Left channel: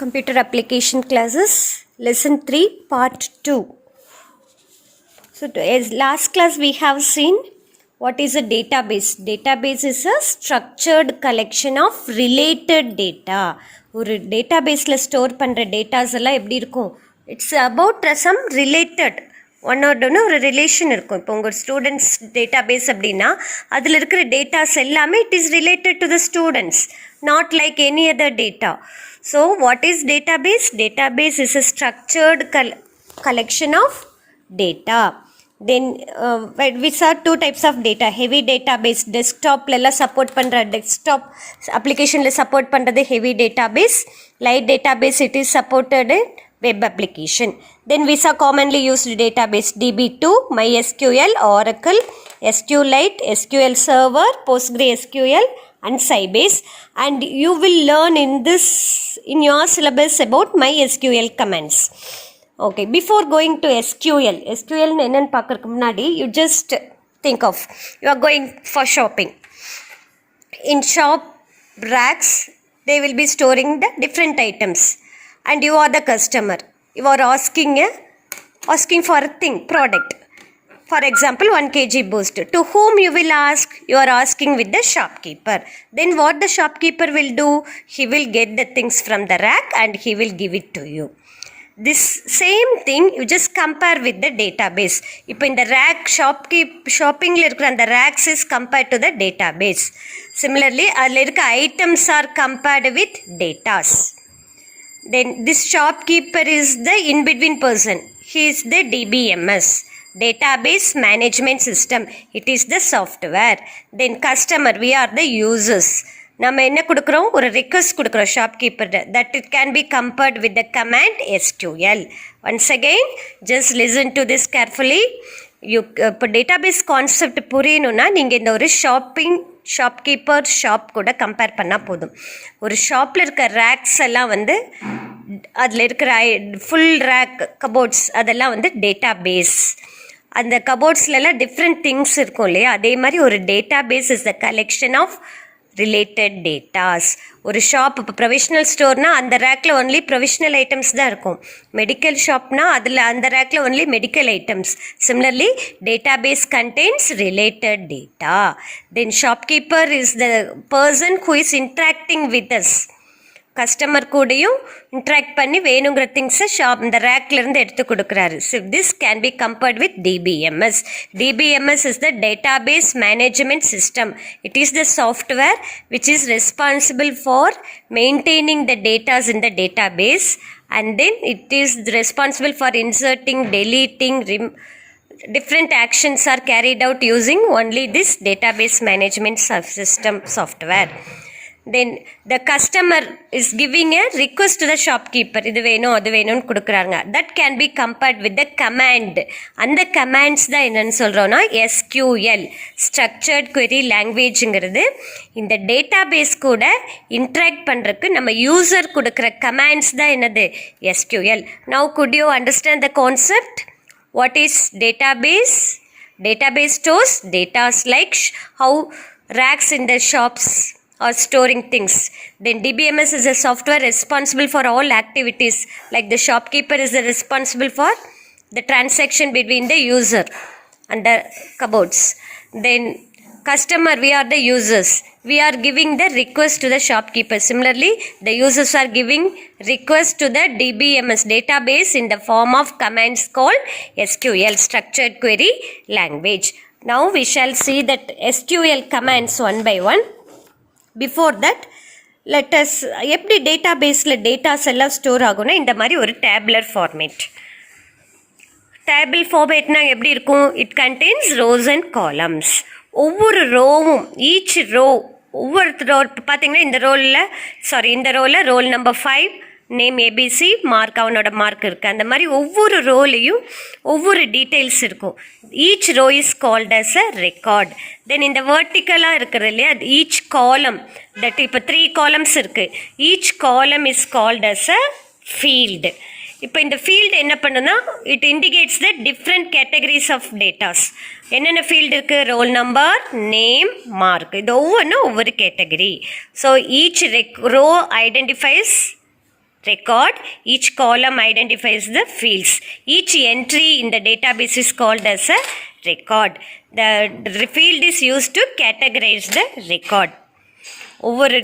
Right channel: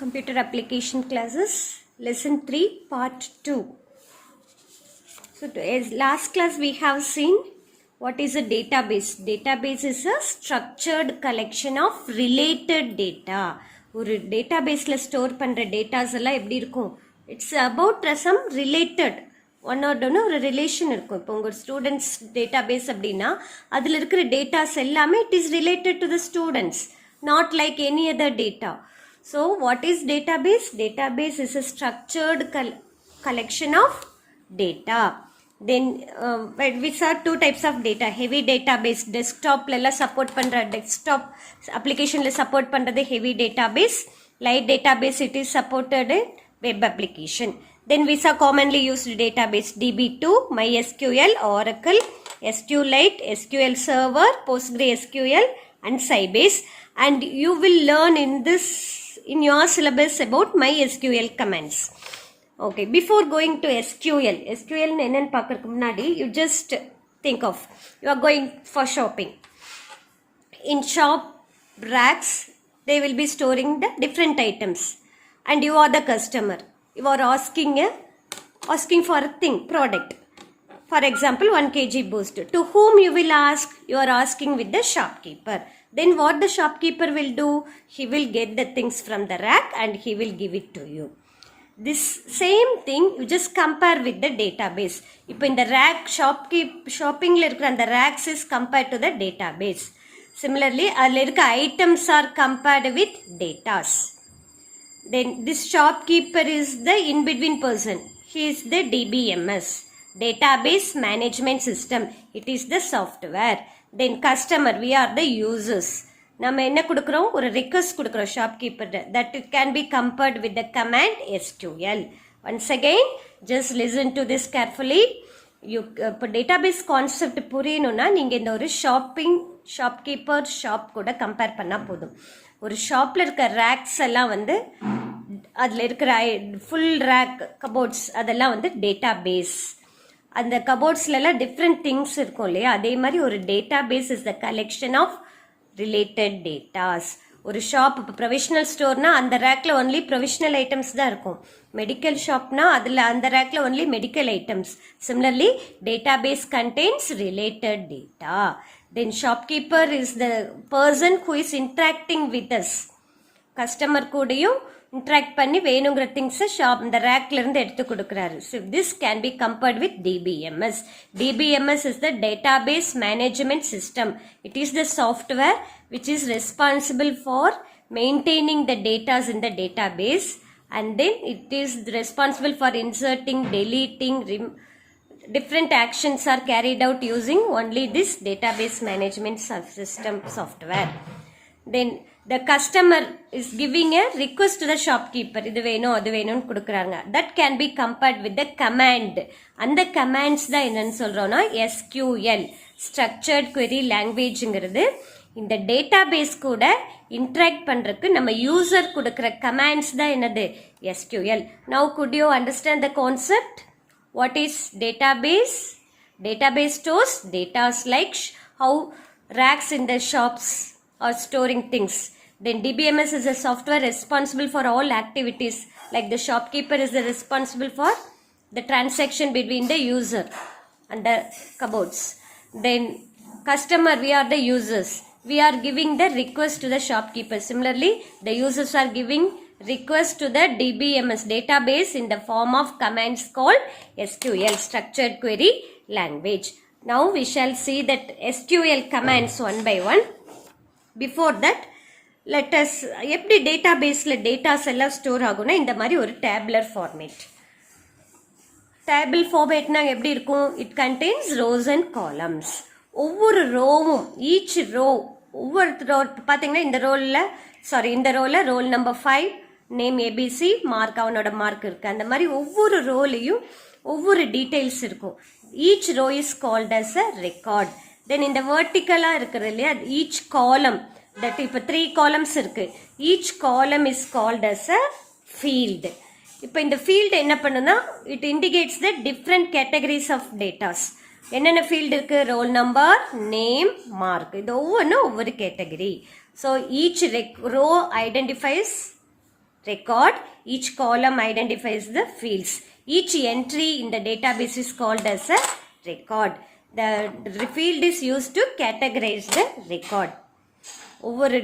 Computer application classes lesson 3 part 2. So as last class we have seen what is a database. Database is a structured collection of related data. ஒரு டேட்டாபேஸில் store பண்ணுற datas எல்லாம் எப்படி இருக்கும்? It's about some related ஒன்னோடனே ஒரு relation இருக்கும். இப்போ உங்கள் ஸ்டூடெண்ட்ஸ் டேட்டாபேஸ் அப்படின்னா அதில் இருக்கிற டேட்டாஸ் எல்லாமே it is related to the students, not like any other data. So what is database? Database is a structured collection of data. Then we saw two types of data. Heavy database, desktop la support pandra, desktop application la support pandradhu heavy database. Light database it is supported in web application. Then we saw commonly used database DB2, MySQL, Oracle, SQLite, SQL Server, PostgreSQL and Sybase. And you will learn in your syllabus about MySQL commands. Okay, before going to SQL என்னன்னு பார்க்கறதுக்கு முன்னாடி you just think of, you are going for shopping. In shop racks they will be storing the different items and you are the customer. You are asking for a thing, product. For example, 1 kg boost. To whom you will ask? You are asking with the shopkeeper. Then what the shopkeeper will do? He will get the things from the rack and he will give it to you. This same thing you just compare with the database. இப்போ இந்த rack shoppingல இருக்கிற அந்த racks is compared to the database. Similarly, அதில் இருக்க items are compared with datas. Then this shopkeeper is the in-between person. He is the DBMS. Database management system, it is the software. Then customer, we are the users. நம்ம என்ன கொடுக்குறோம்? ஒரு request கொடுக்குறோம் shopkeeper, that it can be compared with the command SQL. Once again, just listen to this carefully. இப்போ database concept புரியணும்னா நீங்கள் இந்த ஒரு shopkeeper shop கூட கம்பேர் பண்ணால் போதும். ஒரு ஷாப்பில் இருக்க ரேக்ஸ் எல்லாம் வந்து அதில் இருக்கிற ஃபுல் ரேக் கபோர்ட்ஸ் அதெல்லாம் வந்து டேட்டாபேஸ். அந்த கபோர்ட்ஸ்லாம் டிஃப்ரெண்ட் திங்ஸ் இருக்கும் இல்லையா, அதே மாதிரி ஒரு database is the collection of related datas. ஒரு ஷாப் இப்போ ப்ரொவிஷ்னல் ஸ்டோர்னால் அந்த ரேக்கில் ஒன்லி ப்ரொவிஷ்னல் ஐட்டம்ஸ் தான் இருக்கும். மெடிக்கல் ஷாப்னால் அதில் அந்த ரேக்கில் only medical items. Similarly database contains related data. Then shopkeeper is the person who is interacting with us. Customer கூடயும் இன்ட்ராக்ட் பண்ணி வேணுங்கிற திங்ஸை இந்த ரேக்லேருந்து எடுத்து கொடுக்குறாரு. So this can be compared with DBMS. DBMS is the database management system. It is the software which is responsible for maintaining the datas in the database and then it is responsible for inserting, deleting, different actions are carried out using only this database management system software. Then the customer is giving a request to the shopkeeper, இது வேணும் அது வேணும்னு கொடுக்குறாங்க. that can be compared with the command. அந்த commands தான் என்னன்னு சொல்கிறோன்னா SQL, structured query languageங்கிறது. இந்த டேட்டாபேஸ் கூட இன்ட்ராக்ட் பண்ணுறதுக்கு நம்ம யூசர் கொடுக்குற கமாண்ட்ஸ் தான் என்னது SQL. now could you understand the concept? what is database? Database stores data like how racks in the shops or storing things. Then DBMS is a software responsible for all activities, like the shopkeeper is responsible for the transaction between the user and the cupboards. Then customer, we are the users, we are giving the request to the shopkeeper. Similarly, the users are giving request to the DBMS database in the form of commands called SQL, structured query language. Now we shall see that SQL commands one by one. Before that, let us எப்படி டேட்டாபேஸில் datas எல்லாம் store ஆகும்னா இந்த மாதிரி ஒரு tabular format. Table ஃபார்மேட்னா எப்படி இருக்கும்? It contains rows and columns. ஒவ்வொரு ரோவும் ஈச் ரோ ஒவ்வொரு ரோ பார்த்தீங்கன்னா இந்த ரோவில் roll number 5, name ABC, mark அவனோட மார்க் இருக்குது. அந்த மாதிரி ஒவ்வொரு ரோலையும் ஒவ்வொரு டீட்டெயில்ஸ் இருக்கும். Each row is called as a record. Then இந்த வேர்ட்டிக்கலாக இருக்கிறது இல்லையா, ஈச் காலம், தட் இப்போ 3 காலம்ஸ் இருக்குது. Each column is called as a field. இப்போ இந்த ஃபீல்டு என்ன பண்ணுன்னா it indicates the different categories of datas. என்னென்ன ஃபீல்டு இருக்குது? Roll number, name, mark. இது ஒவ்வொன்றும் ஒவ்வொரு category. So each row identifies record. Each column identifies the fields. Each entry in the database is called as a record. The field is used to categorize the record. ஒவ்வொரு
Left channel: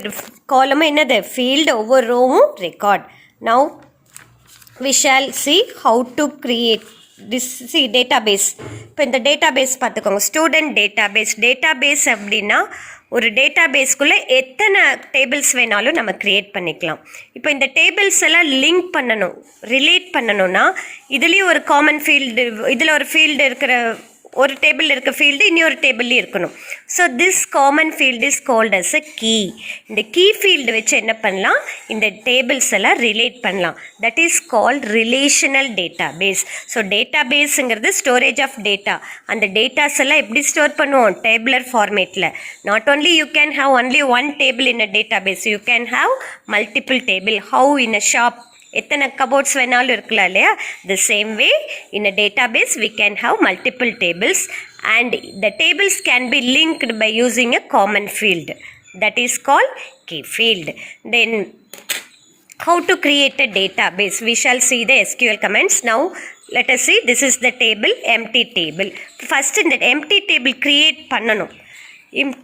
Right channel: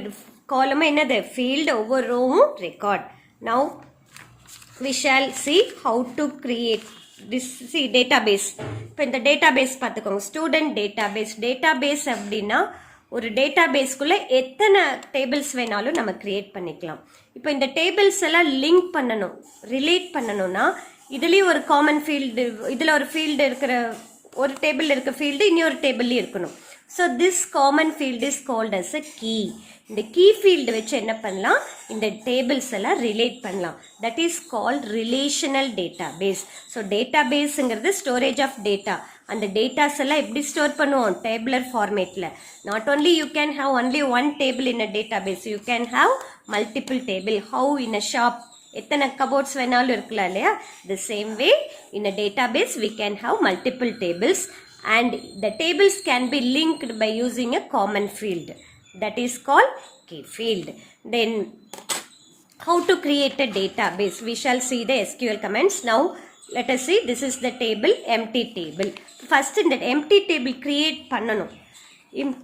காலமும் என்னது field, ஒவ்வொரு ரோவும் record. Now we shall see how to create this database. இப்போ இந்த database பார்த்துக்கோங்க, student database அப்படின்னா ஒரு டேட்டாபேஸ்க்குள்ளே எத்தனை டேபிள்ஸ் வேணாலும் நம்ம க்ரியேட் பண்ணிக்கலாம். இப்போ இந்த டேபிள்ஸ் எல்லாம் லிங்க் பண்ணணும், ரிலேட் பண்ணணும்னா இதுலேயும் ஒரு காமன் ஃபீல்டு, இதில் ஒரு ஃபீல்டு இருக்கிற ஒரு டேபிள் இருக்க ஃபீல்டு இன்னொரு டேபிள்லேயும் இருக்கணும். So this common field is called as a key. இந்த கீ ஃபீல்டு வச்சு என்ன பண்ணலாம், இந்த டேபிள்ஸ் எல்லாம் ரிலேட் பண்ணலாம். That is called relational database. So டேட்டாபேஸுங்கிறது ஸ்டோரேஜ் ஆஃப் டேட்டா. அந்த டேட்டாஸ் எல்லாம் எப்படி ஸ்டோர் பண்ணுவோம், டேபிளர் ஃபார்மேட்டில். Not only you can have only one table in a database, you can have multiple table. How in a shop எத்தனை cupboards வேணாலும் இருக்கலாம் இல்லையா, the same way in a database we can have multiple tables and the tables can be linked by using a common field, that is called key field. Then how to create a database, we shall see the SQL commands. Now let us see, this is the table, empty table. First in the empty table create பண்ணணும்.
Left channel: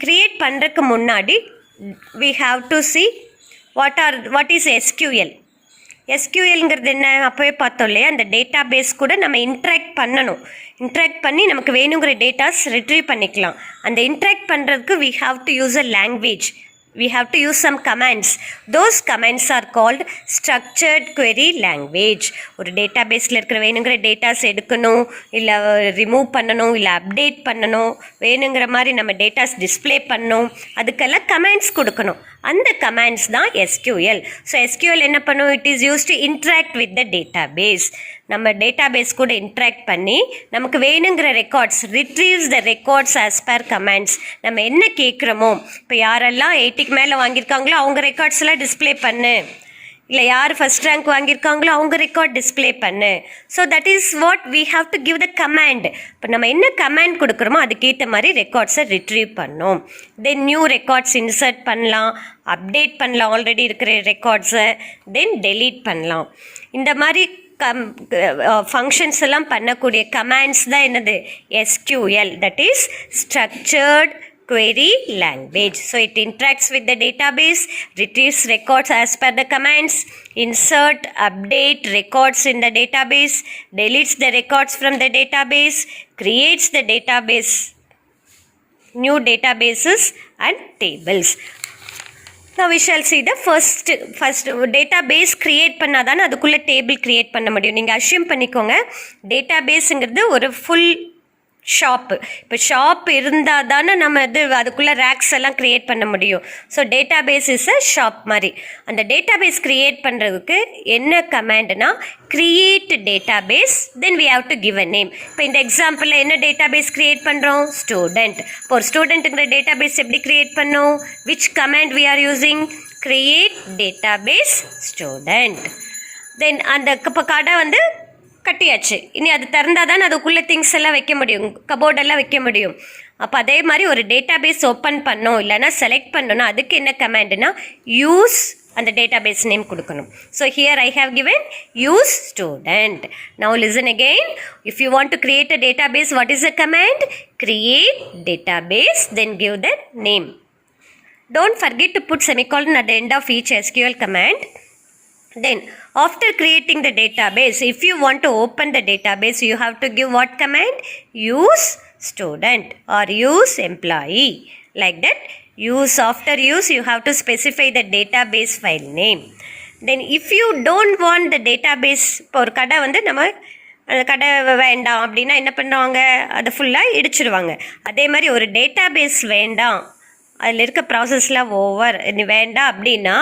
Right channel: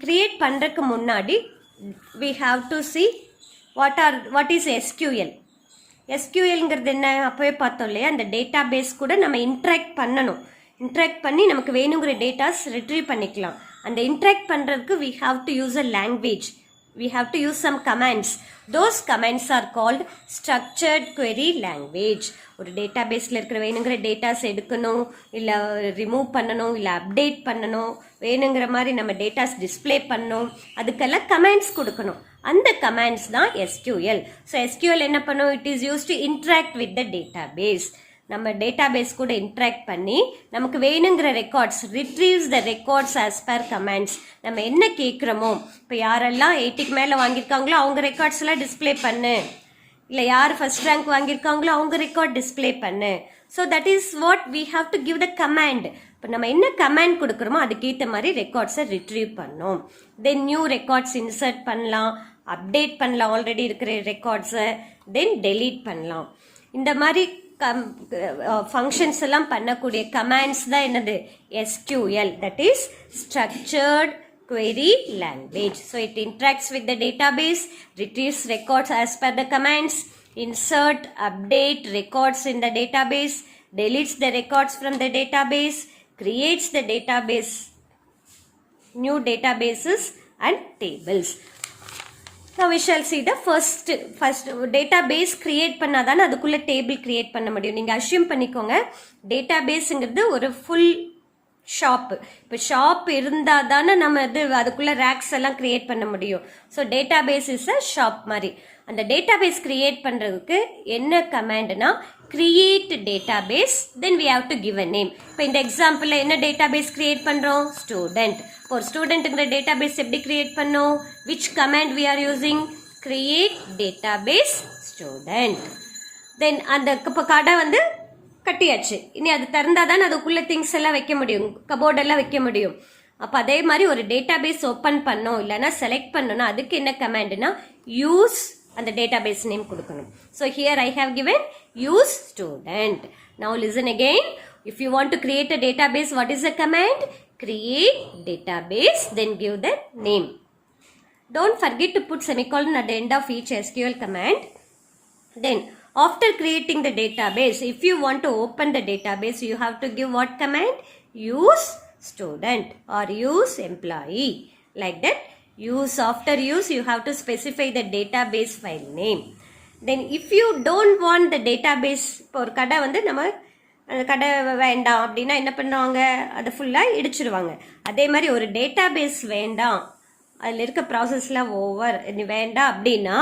create பண்றதுக்கு முன்னாடி we have to see what is SQL. எஸ்கியூஎல்ங்கிறது என்ன, அப்போவே பார்த்தோம் இல்லையா, அந்த data base கூட நம்ம இன்ட்ராக்ட் பண்ணணும். இன்ட்ராக்ட் பண்ணி நமக்கு வேணுங்கிற டேட்டாஸ் ரிட்ரீவ் பண்ணிக்கலாம். அந்த இன்ட்ராக்ட் பண்ணுறதுக்கு we have to use a language, we have to use some commands. Those commands are called structured query language. ஒரு டேட்டா பேஸில் இருக்கிற வேணுங்கிற டேட்டாஸ் எடுக்கணும், இல்லை ரிமூவ் பண்ணணும், இல்லை அப்டேட் பண்ணணும், வேணுங்கிற மாதிரி நம்ம டேட்டாஸ் டிஸ்பிளே பண்ணணும், அதுக்கெல்லாம் கமாண்ட்ஸ் கொடுக்கணும். அந்த கமாண்ட்ஸ் தான் எஸ்கியூஎல். ஸோ எஸ்கியூஎல் என்ன பண்ணும், it is use to interact with the database. நம்ம டேட்டாபேஸ் கூட இன்ட்ராக்ட் பண்ணி நமக்கு வேணுங்கிற records, retrieves the records as per commands. நம்ம என்ன கேட்குறோமோ, இப்போ யாரெல்லாம் 80க்கு மேலே வாங்கியிருக்காங்களோ அவங்க ரெக்கார்ட்ஸ் எல்லாம் டிஸ்பிளே பண்ணு, இல்லை யார் ஃபஸ்ட் ரேங்க் வாங்கியிருக்காங்களோ அவங்க ரெக்கார்ட் டிஸ்பிளே பண்ணு. So that is what we have to give the command. இப்போ நம்ம என்ன கமாண்ட் கொடுக்குறோமோ அதுக்கேற்ற மாதிரி ரெக்கார்ட்ஸை ரிட்ரீவ் பண்ணோம். தென் நியூ ரெக்கார்ட்ஸ் இன்சர்ட் பண்ணலாம், அப்டேட் பண்ணலாம் ஆல்ரெடி இருக்கிற ரெக்கார்ட்ஸை, தென் டெலீட் பண்ணலாம். இந்த மாதிரி ஃபங்க்ஷன்ஸ் எல்லாம் பண்ணக்கூடிய கமாண்ட்ஸ் தான் என்னது, SQL, that is structured query language. So it interacts with the database, retrieves records as per the commands, insert, update records in the database, deletes the records from the database, creates the database, new databases and tables. Now we shall see the first database create பண்ணாதான் அதுக்குள்ள table create பண்ண முடியும். நீங்கள் assume பண்ணிக்கோங்க, டேட்டாபேஸுங்கிறது ஒரு full shop. இப்போ shop இருந்தால் தானே நம்ம அதுக்குள்ளே ரேக்ஸ் எல்லாம் க்ரியேட் பண்ண முடியும். So database is a shop மாதிரி. அந்த டேட்டாபேஸ் க்ரியேட் பண்ணுறதுக்கு என்ன கமாண்டுனா, create database, then we have to give a name. இப்போ இந்த எக்ஸாம்பிளில் என்ன டேட்டாபேஸ் க்ரியேட் பண்ணுறோம், ஸ்டூடெண்ட். இப்போ ஒரு ஸ்டூடெண்ட்டுங்கிற டேட்டாபேஸ் எப்படி க்ரியேட் பண்ணோம், which command we are using, create database student. Then அந்த இப்போ கடை கட்டியாச்சு, இனி அது திறந்தால் தான் அதுக்குள்ளே திங்ஸ் எல்லாம் வைக்க முடியும், கபோர்டெல்லாம் வைக்க முடியும். அப்போ அதே மாதிரி ஒரு டேட்டாபேஸ் ஓப்பன் பண்ணோம் இல்லைனா செலக்ட் பண்ணோன்னா அதுக்கு என்ன கமாண்டுனா, யூஸ் அந்த டேட்டாபேஸ் நேம் கொடுக்கணும். So here I have given use student. Now listen again, if you want to create a database, what is a command, create database, then give the name. Don't forget to put semicolon at the end of each SQL command. Then after creating the database, if you want to open the database, you have to give what command, use student or use employee, like that. Use, after use you have to specify the database file name. Then if you don't want the database, இப்போ ஒரு கடை நம்ம அந்த கடை வேண்டாம் அப்படின்னா என்ன பண்ணுவாங்க, அதை ஃபுல்லாக இடிச்சிடுவாங்க. அதே மாதிரி ஒரு டேட்டாபேஸ் வேண்டாம், அதில் இருக்க ப்ராசஸ்லாம் ஓவர் வேண்டாம் அப்படின்னா,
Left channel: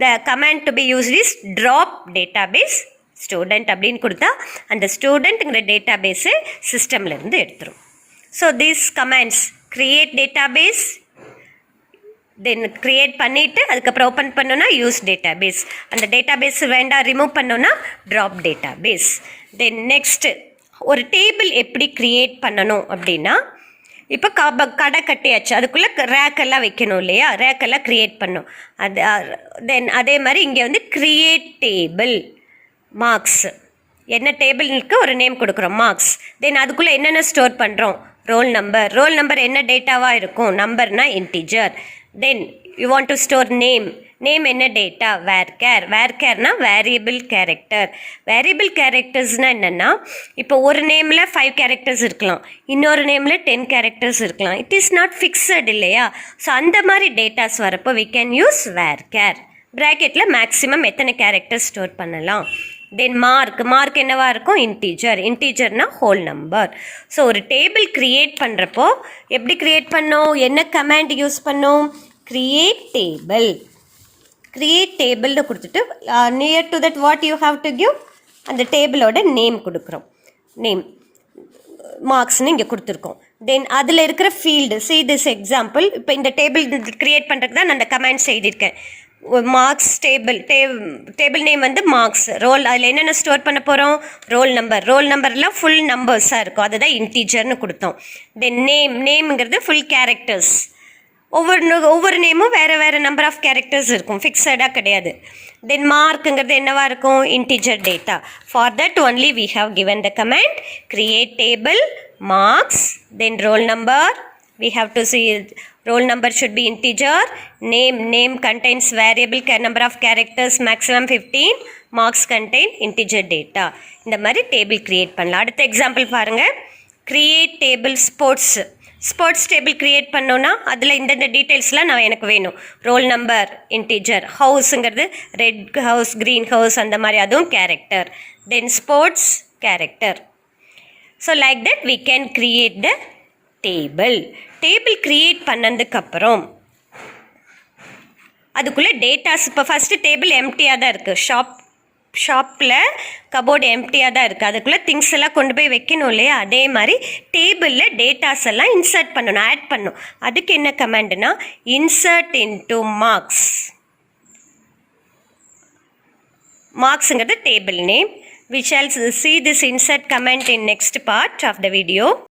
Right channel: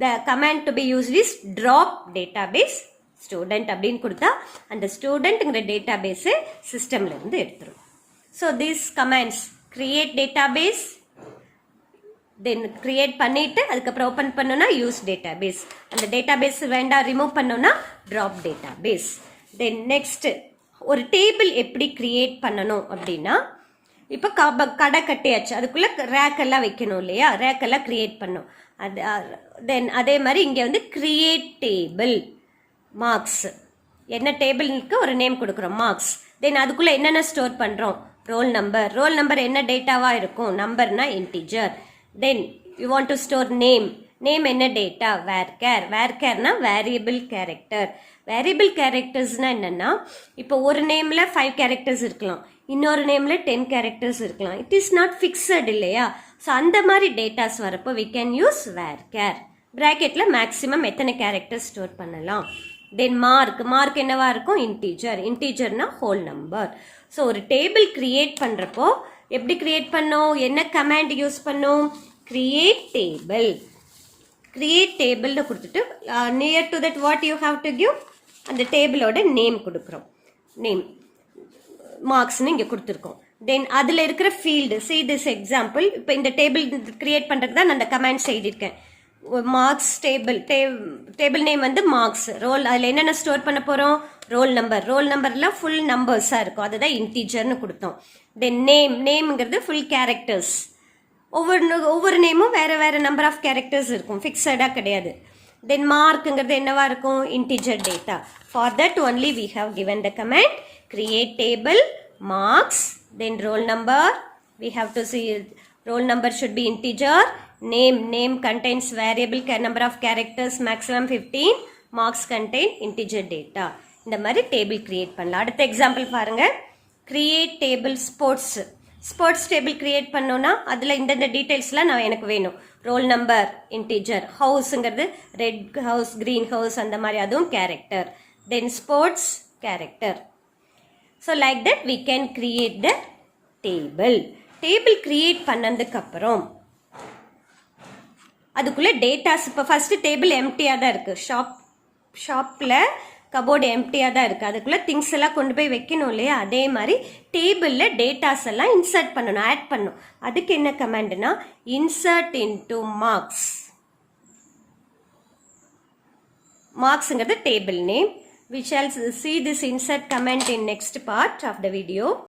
the command to be used is drop database student அப்படின்னு கொடுத்தா அந்த ஸ்டூடெண்ட்டுங்கிற டேட்டாபேஸு சிஸ்டம்லேருந்து எடுத்துரும். So these commands, create database, then create பண்ணிவிட்டு அதுக்கப்புறம் ஓப்பன் பண்ணோன்னா யூஸ் டேட்டாபேஸ், அந்த டேட்டாபேஸ் வேண்டாம் ரிமூவ் பண்ணோன்னா ட்ராப் டேட்டாபேஸ். தென் நெக்ஸ்ட்டு ஒரு டேபிள் எப்படி க்ரியேட் பண்ணணும் அப்படின்னா, இப்போ கடை கட்டியாச்சு, அதுக்குள்ளே ரேக்கெல்லாம் வைக்கணும் இல்லையா, ரேக்கெல்லாம் க்ரியேட் பண்ணணும். அது தென் அதே மாதிரி இங்கே வந்து க்ரியேட் டேபிள் மார்க்ஸ், என்ன டேபிளுக்கு ஒரு நேம் கொடுக்குறோம் மார்க்ஸ். தென் அதுக்குள்ளே என்னென்ன ஸ்டோர் பண்ணுறோம், ரோல் நம்பர் என்ன டேட்டாவாக இருக்கும், நம்பர்னா integer. Then you want to store name என்ன டேட்டா, வேர்கேர்னா வேரியபிள் கேரக்டர். வேரியபிள் கேரக்டர்ஸ்னால் என்னென்னா, இப்போ ஒரு நேமில் 5 கேரக்டர்ஸ் இருக்கலாம், இன்னொரு நேமில் 10 கேரக்டர்ஸ் இருக்கலாம். இட் இஸ் நாட் ஃபிக்ஸட் இல்லையா. ஸோ அந்த மாதிரி டேட்டாஸ் வரப்போ வி கேன் யூஸ் வேர்கேர். ப்ராக்கெட்டில் மேக்ஸிமம் எத்தனை கேரக்டர்ஸ் ஸ்டோர் பண்ணலாம். தென் மார்க் என்னவா இருக்கும், இன்டீஜர்னா ஹோல் நம்பர். ஸோ ஒரு டேபிள் க்ரியேட் பண்ணுறப்போ எப்படி க்ரியேட் பண்ணோம், என்ன கமாண்ட் யூஸ் பண்ணோம், க்ரியேட் டேபிள்னு கொடுத்துட்டு near to that what you have to give, அந்த டேபிளோட நேம் கொடுக்குறோம். நேம் மார்க்ஸ்னு இங்கே கொடுத்துருக்கோம். தென் அதில் இருக்கிற ஃபீல்டு, see this எக்ஸாம்பிள். இப்போ இந்த டேபிள் க்ரியேட் பண்ணுறதுக்கு தான் நான் அந்த கமெண்ட்ஸ் எழுதியிருக்கேன். மார்க்ஸ் டேபிள் நேம் வந்து மார்க்ஸ், ரோல், அதில் என்னென்ன ஸ்டோர் பண்ண போகிறோம், ரோல் நம்பர்லாம் ஃபுல் நம்பர்ஸாக இருக்கும், அதுதான் இன்டீஜர்னு கொடுத்தோம். தென் நேம்ங்கிறது ஃபுல் கேரக்டர்ஸ், ஒவ்வொரு நேமும் வேறு நம்பர் ஆஃப் கேரக்டர்ஸ் இருக்கும், ஃபிக்ஸடாக கிடையாது. தென் மார்க்குங்கிறது என்னவா இருக்கும், integer data. For that only we have given the command create table marks, then roll number. We have to see roll number should be integer. Name contains variable number of characters, maximum 15. Marks contain integer data. இந்த மாதிரி table create பண்ணலாம். அடுத்த example பாருங்கள். Create table sports table create பண்ணோன்னா அதில் இந்தந்த டீட்டெயில்ஸ்லாம் எனக்கு வேணும். ரோல் நம்பர் இன்டிஜர், ஹவுஸுங்கிறது ரெட் ஹவுஸ், க்ரீன் ஹவுஸ், அந்த மாதிரி அதுவும் character. Then sports character. So like that we can create the table create பண்ணதுக்கப்புறம் அதுக்குள்ளே டேட்டாஸ், இப்போ ஃபஸ்ட்டு டேபிள் எம்டியாக தான் இருக்குது, ஷாப்பில் கபோர்டு எம்டியாக தான் இருக்குது, அதுக்குள்ளே திங்ஸ் எல்லாம் கொண்டு போய் வைக்கணும் இல்லையா. அதே மாதிரி டேபிளில் டேட்டாஸ் எல்லாம் இன்சர்ட் பண்ணணும், ஆட் பண்ணணும். அதுக்கு என்ன கமாண்டுனா இன்சர்ட் இன்டு மார்க்ஸுங்கிறது table name. We shall see this insert command in next part of the video.